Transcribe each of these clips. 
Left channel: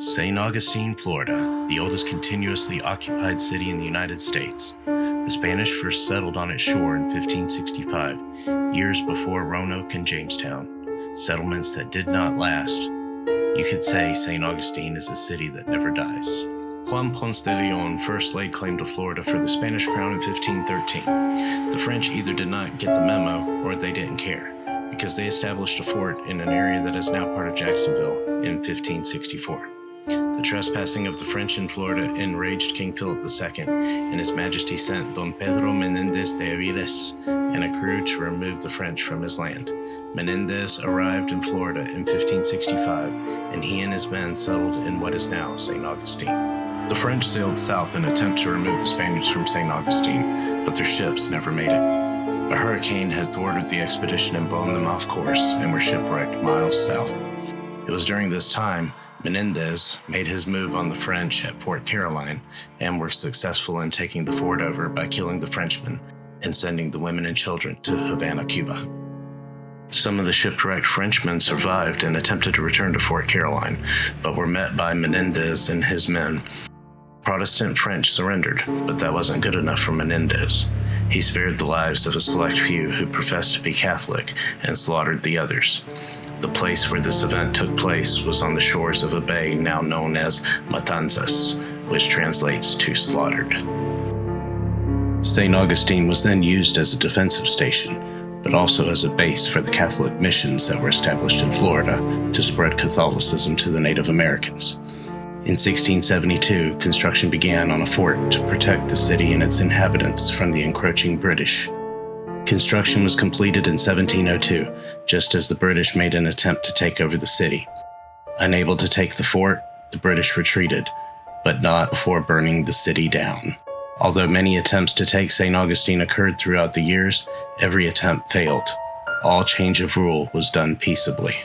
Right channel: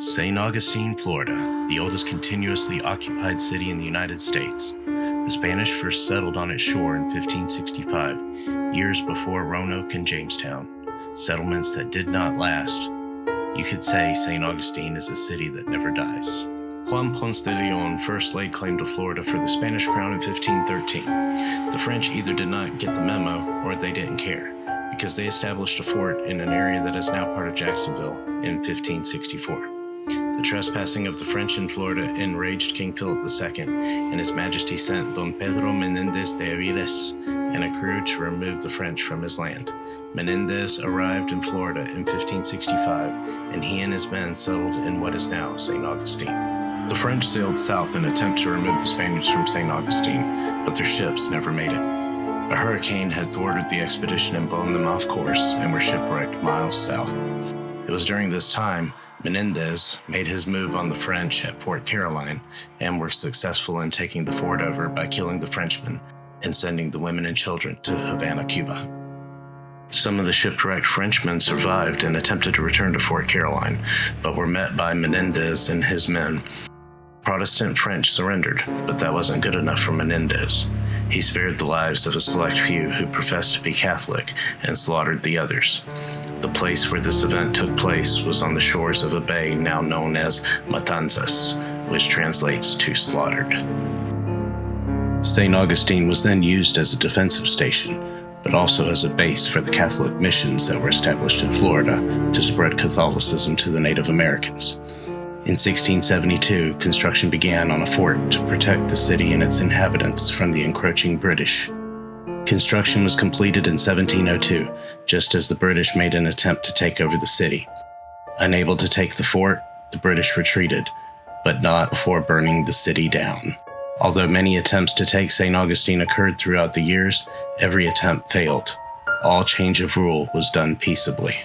St. Augustine, Florida, the oldest continuously occupied city in the United States. The Spanish first settled on its shore in 1565, years before Roanoke and Jamestown, settlements that did not last. You could say St. Augustine is a city that never dies. Juan Ponce de Leon first laid claim to Florida for the Spanish crown in 1513. The French either did not get the memo or they didn't care, because they established a fort in an area that is now part of Jacksonville in 1564. The trespassing of the French in Florida enraged King Philip II, and His Majesty sent Don Pedro Menendez de Aviles and a crew to remove the French from his land. Menendez arrived in Florida in 1565, and he and his men settled in what is now St. Augustine. The French sailed south in an attempt to remove the Spaniards from St. Augustine, but their ships never made it. A hurricane had thwarted the expedition and blown them off course and were shipwrecked miles south. It was during this time Menendez made his move on the French at Fort Caroline and were successful in taking the fort over by killing the Frenchmen and sending the women and children to Havana, Cuba. Some of the shipwrecked Frenchmen survived and attempted to return to Fort Caroline, but were met by Menendez and his men. Protestant French surrendered, but that wasn't good enough for Menendez. He spared the lives of a select few who professed to be Catholic and slaughtered the others. The place where this event took place was on the shores of a bay now known as Matanzas, which translates to slaughtered. St. Augustine was then used as a defensive station, but also as a base for the Catholic missions that were established in Florida to spread Catholicism to the Native Americans. In 1672, construction began on a fort to protect the city and its inhabitants from the encroaching British. Construction was completed in 1702, just as the British made an attempt to take over the city. Unable to take the fort, the British retreated, but not before burning the city down. Although many attempts to take St. Augustine occurred throughout the years, every attempt failed. All change of rule was done peaceably.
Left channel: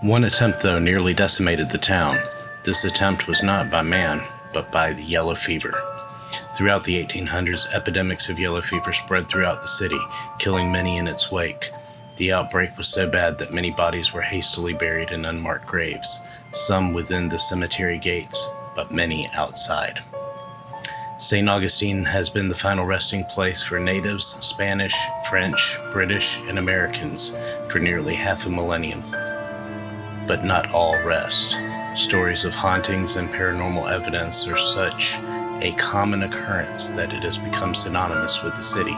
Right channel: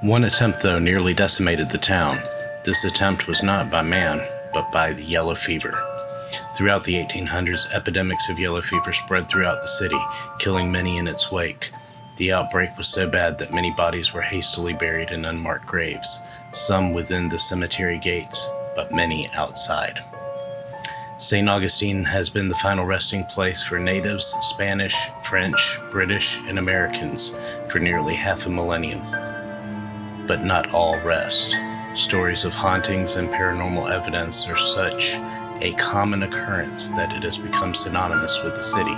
One attempt, though, nearly decimated the town. This attempt was not by man, but by the yellow fever. Throughout the 1800s, epidemics of yellow fever spread throughout the city, killing many in its wake. The outbreak was so bad that many bodies were hastily buried in unmarked graves, some within the cemetery gates, but many outside. St. Augustine has been the final resting place for natives, Spanish, French, British, and Americans for nearly half a millennium. But not all rest. Stories of hauntings and paranormal evidence are such a common occurrence that it has become synonymous with the city,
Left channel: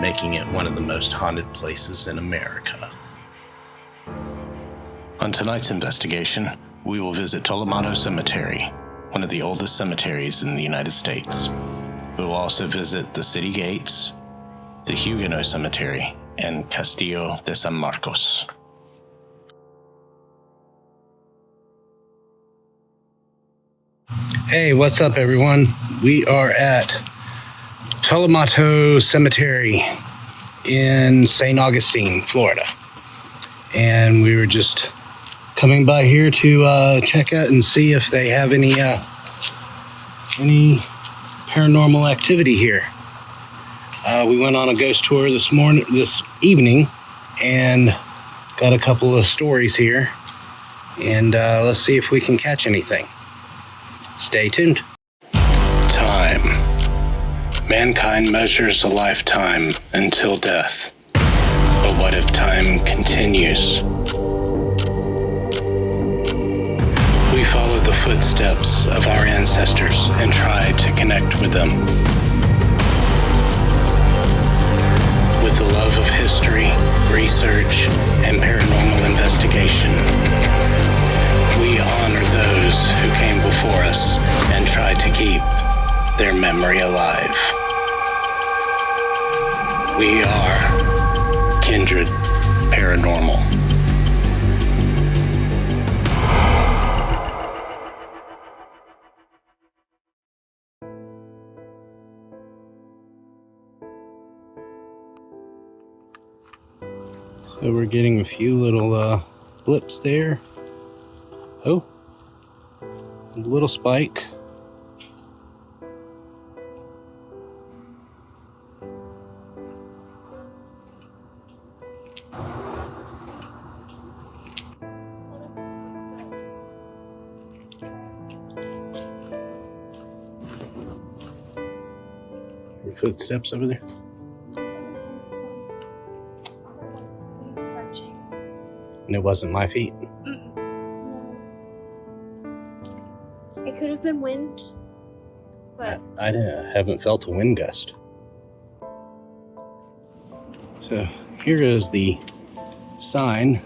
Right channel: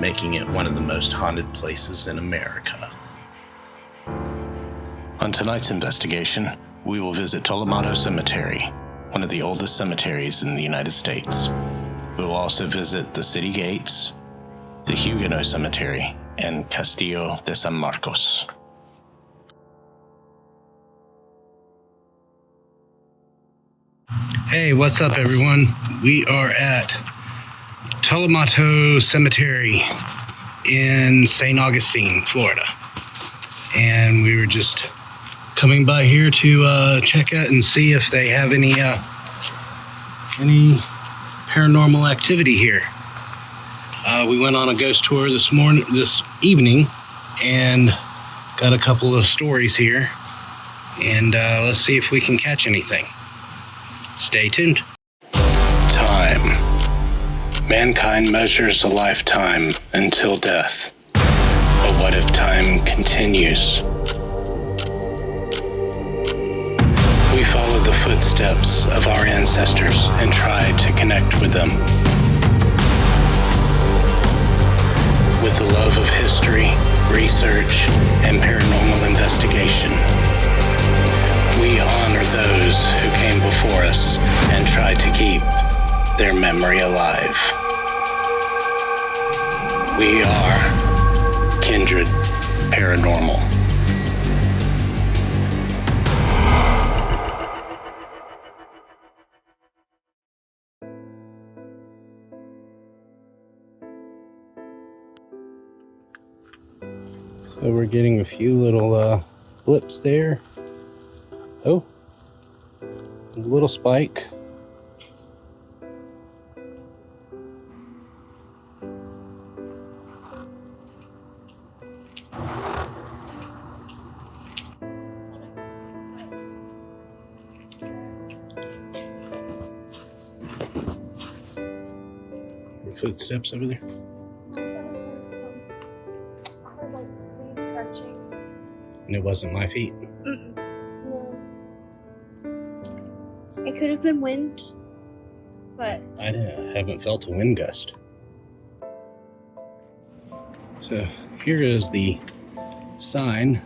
making it one of the most haunted places in America. On tonight's investigation, we will visit Tolomato Cemetery, one of the oldest cemeteries in the United States. We will also visit the city gates, the Huguenot Cemetery, and Castillo de San Marcos. Hey, what's up, everyone? We are at Tolomato Cemetery in St. Augustine, Florida. And we were just coming by here to check out and see if they have any paranormal activity here. We went on a ghost tour this evening, and got a couple of stories here. And let's see if we can catch anything. Stay tuned. Time. Mankind measures a lifetime until death. But what if time continues? We follow the footsteps of our ancestors and try to connect with them. With the love of history, research, and paranormal investigation, we honor those who came before us and try to keep their memory alive. We are Kindred Paranormal. So we're getting a few little blips there. Oh, a little spike. Any footsteps over there? And it wasn't my feet? No. It could have been wind, but I haven't felt a wind gust. So here is the sign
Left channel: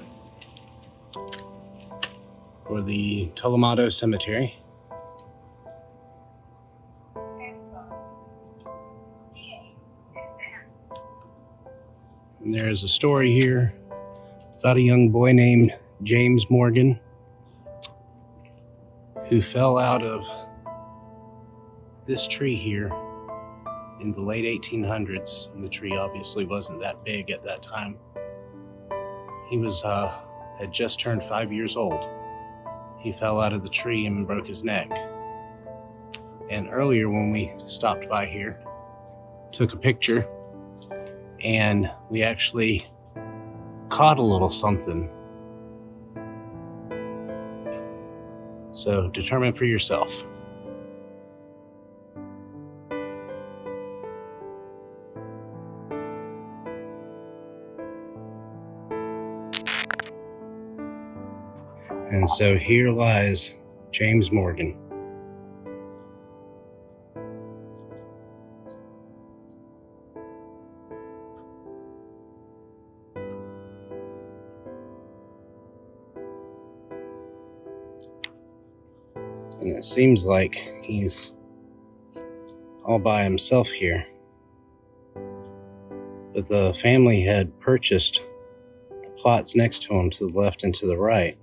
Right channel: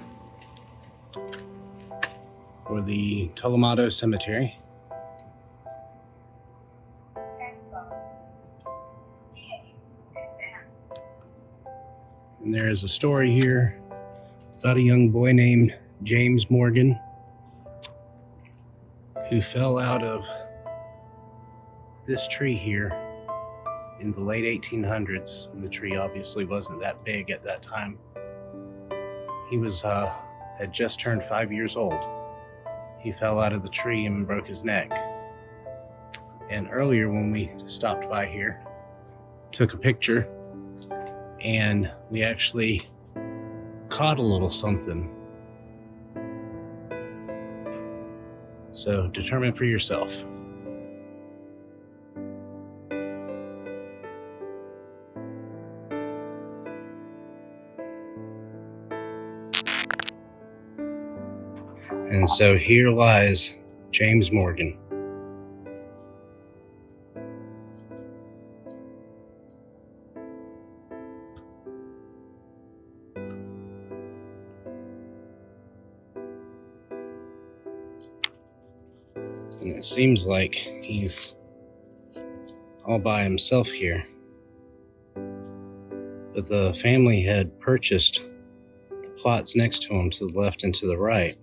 for the Tolomato Cemetery. And there is a story here about a young boy named James Morgan who fell out of this tree here in the late 1800s. And the tree obviously wasn't that big at that time. He was had just turned 5 years old. He fell out of the tree and broke his neck. And earlier when we stopped by here, took a picture, and we actually caught a little something. So determine for yourself. And so here lies James Morgan. And it seems like he's all by himself here. But the family had purchased the plots next to him to the left and to the right.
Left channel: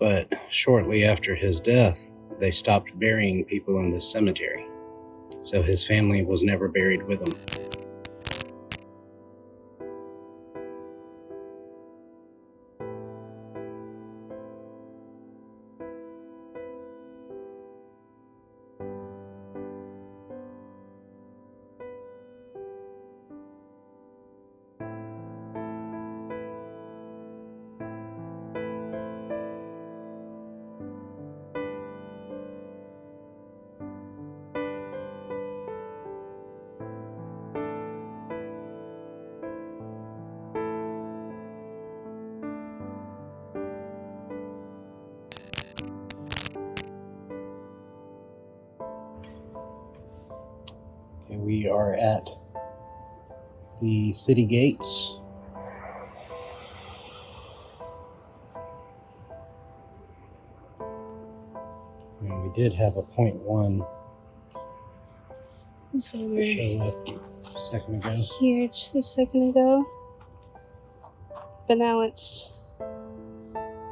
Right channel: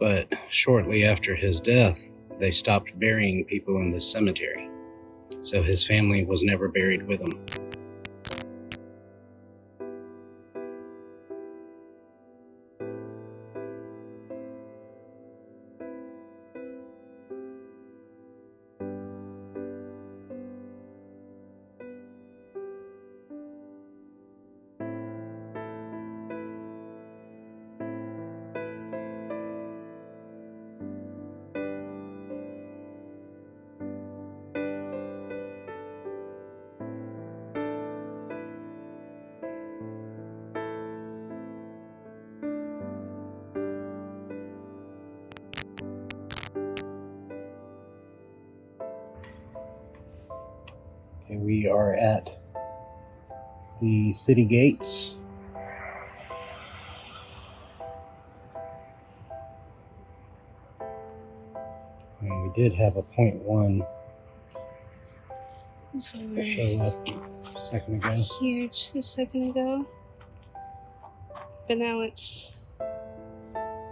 But shortly after his death, they stopped burying people in this cemetery. So his family was never buried with him. Okay, we are at the city gates. And we did have a 0.1 so we're show up a second ago. here just a second ago, but now it's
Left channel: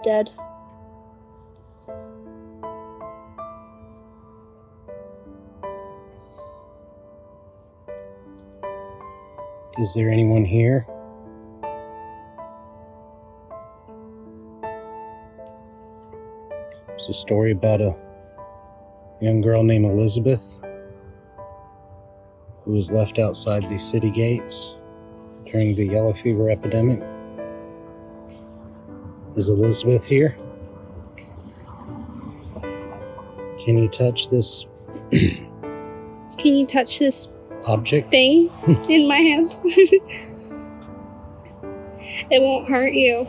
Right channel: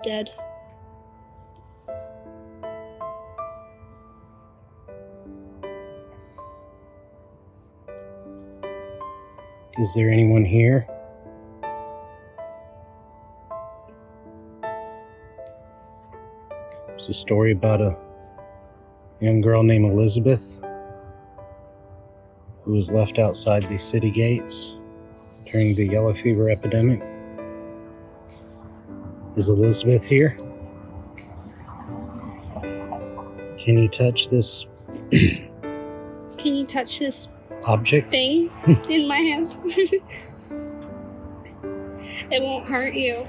dead. Is there anyone here? It's a story about a young girl named Elizabeth who was left outside the city gates during the yellow fever epidemic. Is Elizabeth here? Can you touch this Can you touch this object? thing in my hand? It won't hurt you.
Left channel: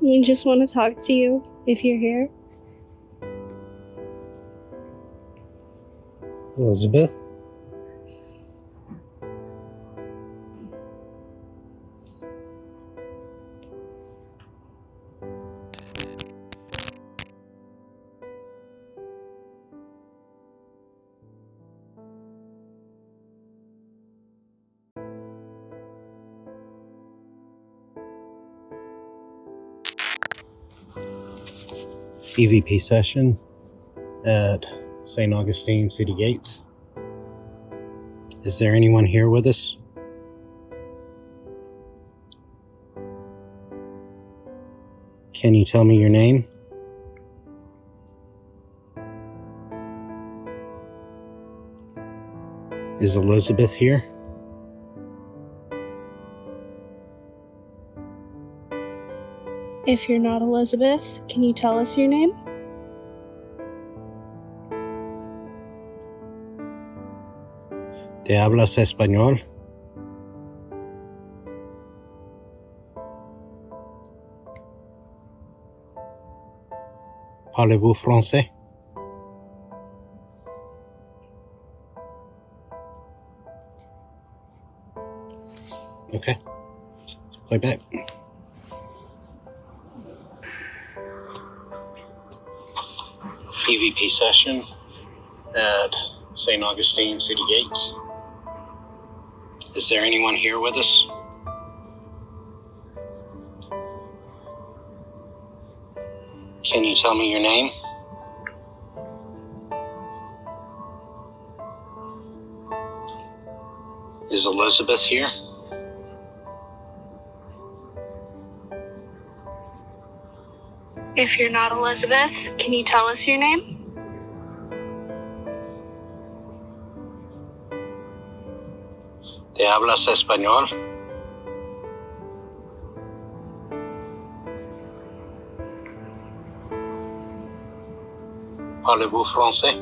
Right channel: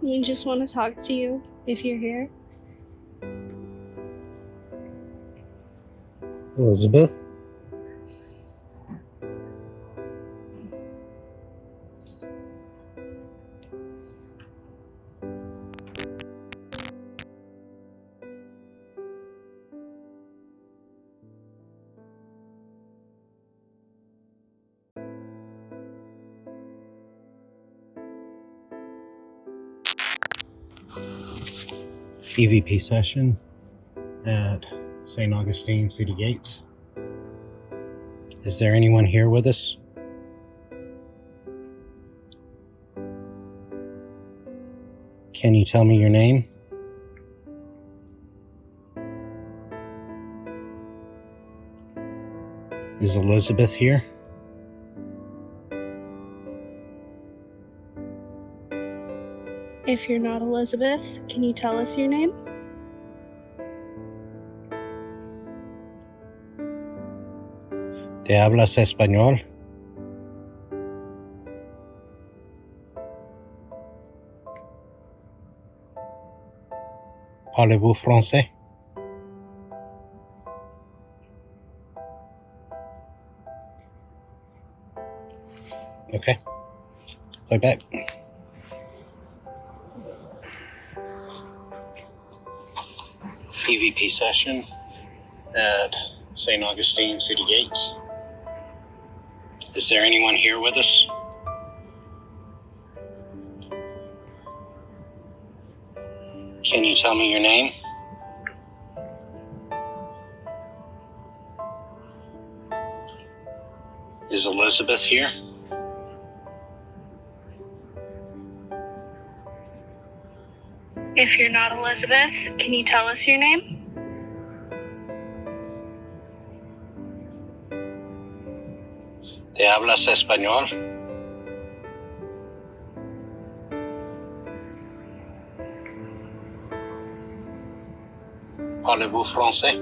We just want to talk to you if you're here. Elizabeth? EVP session at St. Augustine City Gates. Is there anyone here with us? Can you tell me your name? Is Elizabeth here? If you're not Elizabeth, can you tell us your name? ¿Te hablas español? Parlez-vous français? Okay. Play back. EVP session at St. Augustine City Gates. Is there anyone here with us? Can you tell me your name? Is Elizabeth here? If you're not Elizabeth, can you tell us your name? ¿Te hablas español? Parlez-vous français?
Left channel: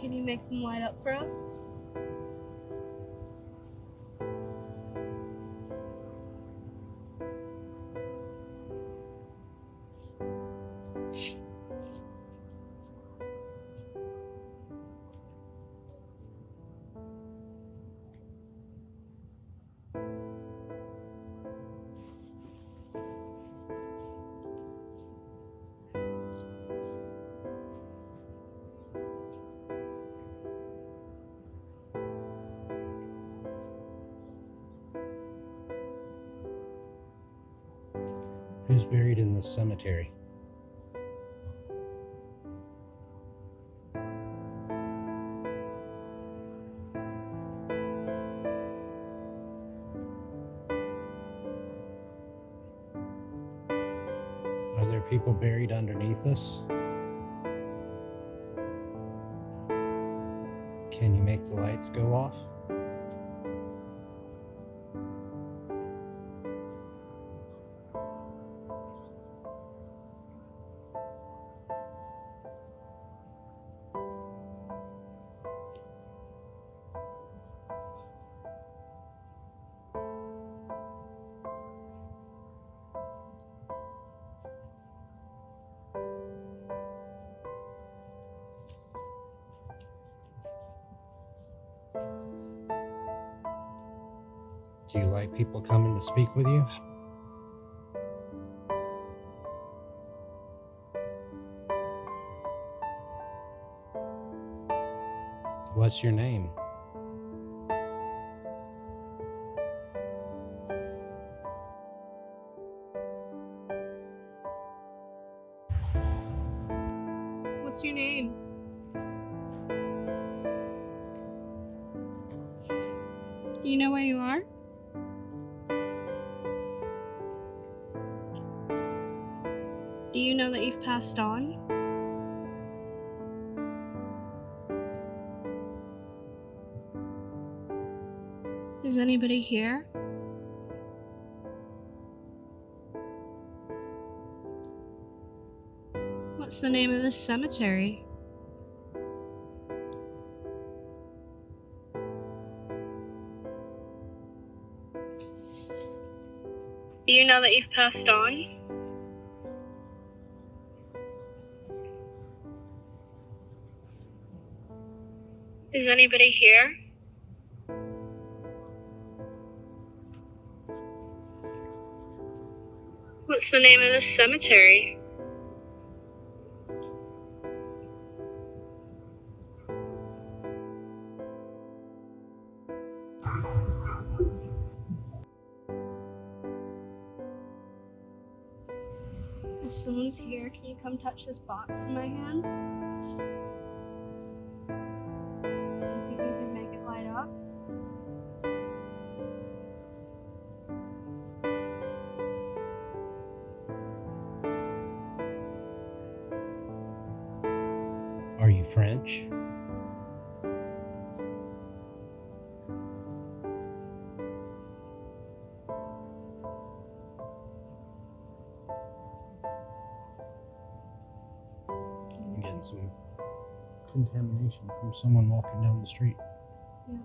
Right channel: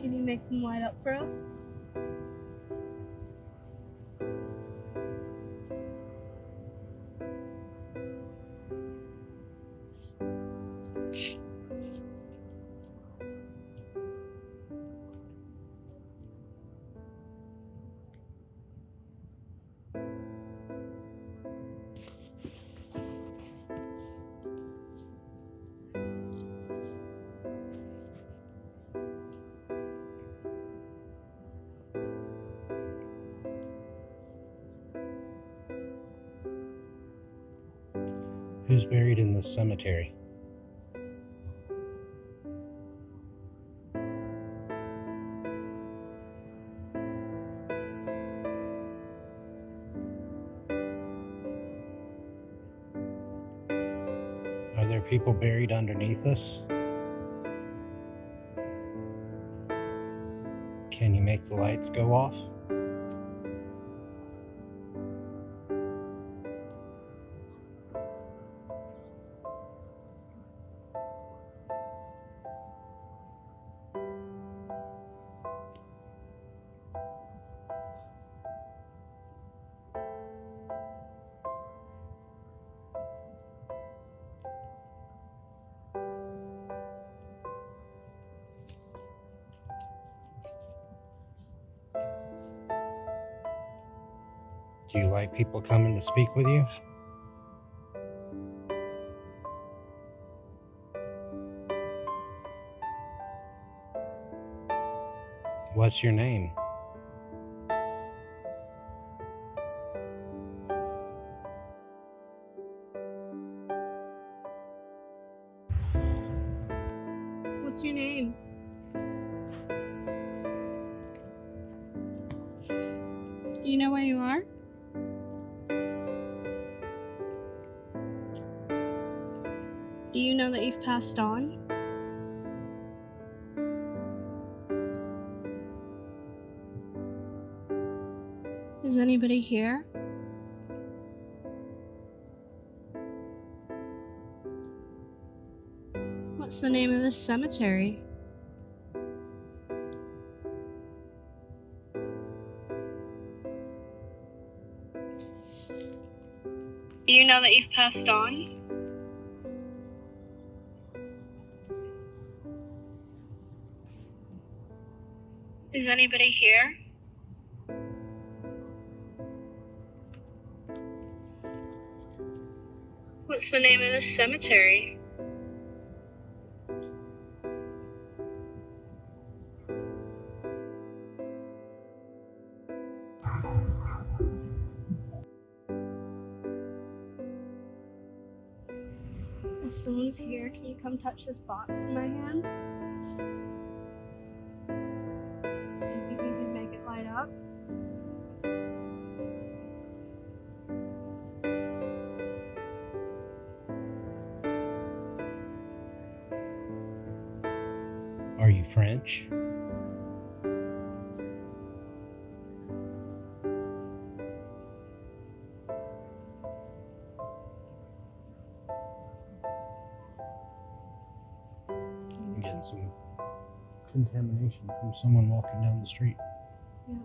Can you make them light up for us? Who's buried in this cemetery? Are there people buried underneath us? Can you make the lights go off? Do you like people coming to speak with you? What's your name? What's your name? Do you know where you are? Do you know that you've passed on? Is anybody here? What's the name of this cemetery? Do you know that you've passed on? Is anybody here? What's the name of this cemetery? If someone's here, can you come touch this box in my hand? Do you think you can make it light up? Are you French? I'm getting some contamination from someone walking down the street. Yeah.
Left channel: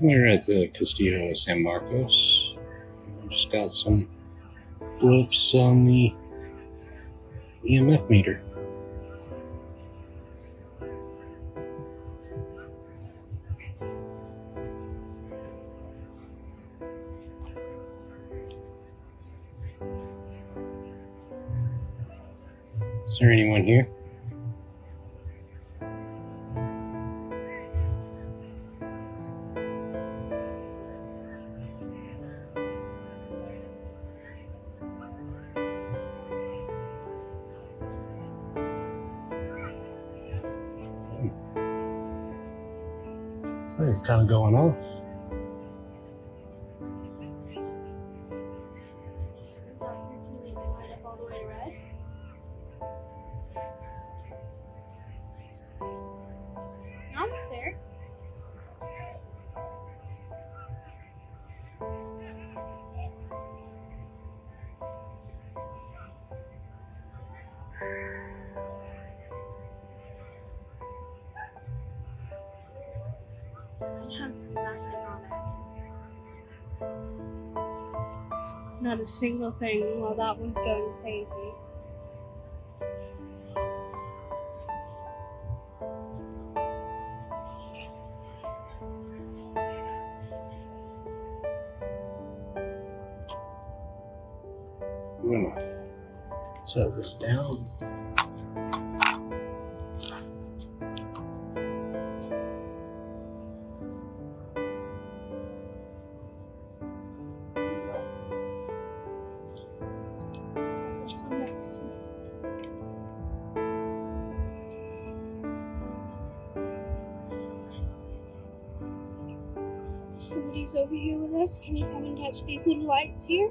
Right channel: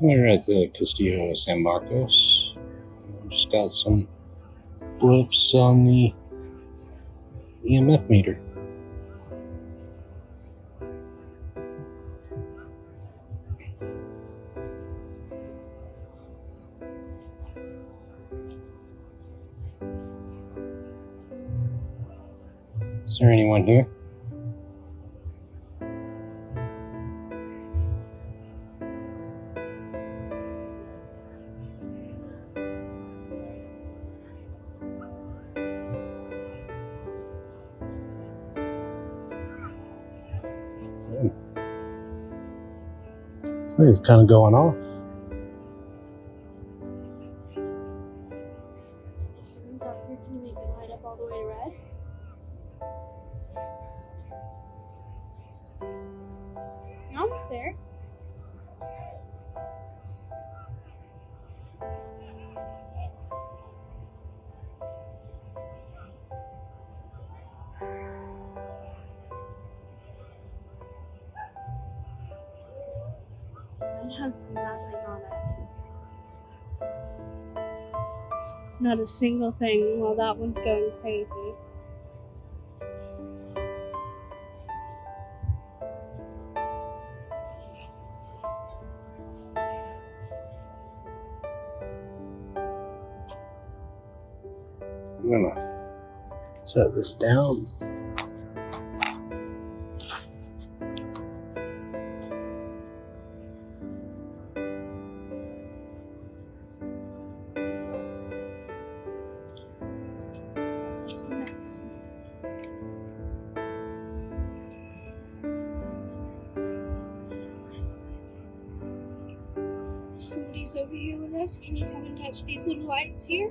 We're at the Castillo de San Marcos. Just got some blips on the EMF meter. Is there anyone here? This thing's kind of going off. If someone's out here, can you make the light up all the way to red? You're almost there. It has nothing on it. Not a single thing while that one's going crazy. I'm gonna set this down. So next. Somebody's over here with us. Can you come and touch these little lights here?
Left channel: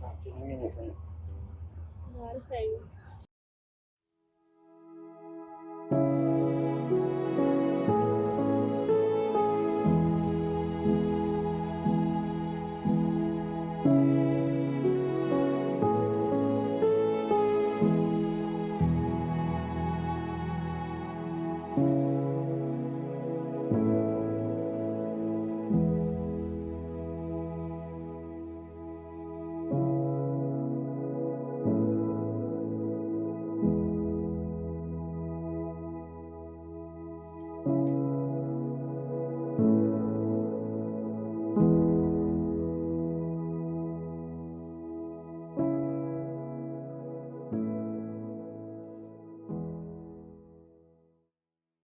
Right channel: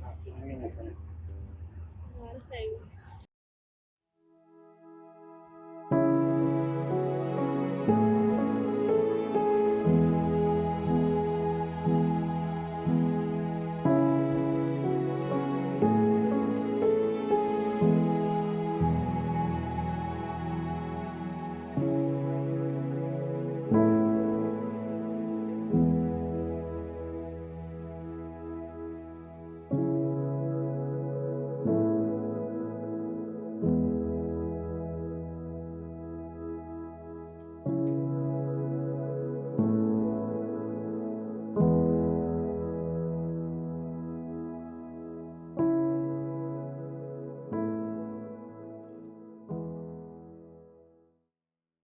Not doing anything. Not a thing.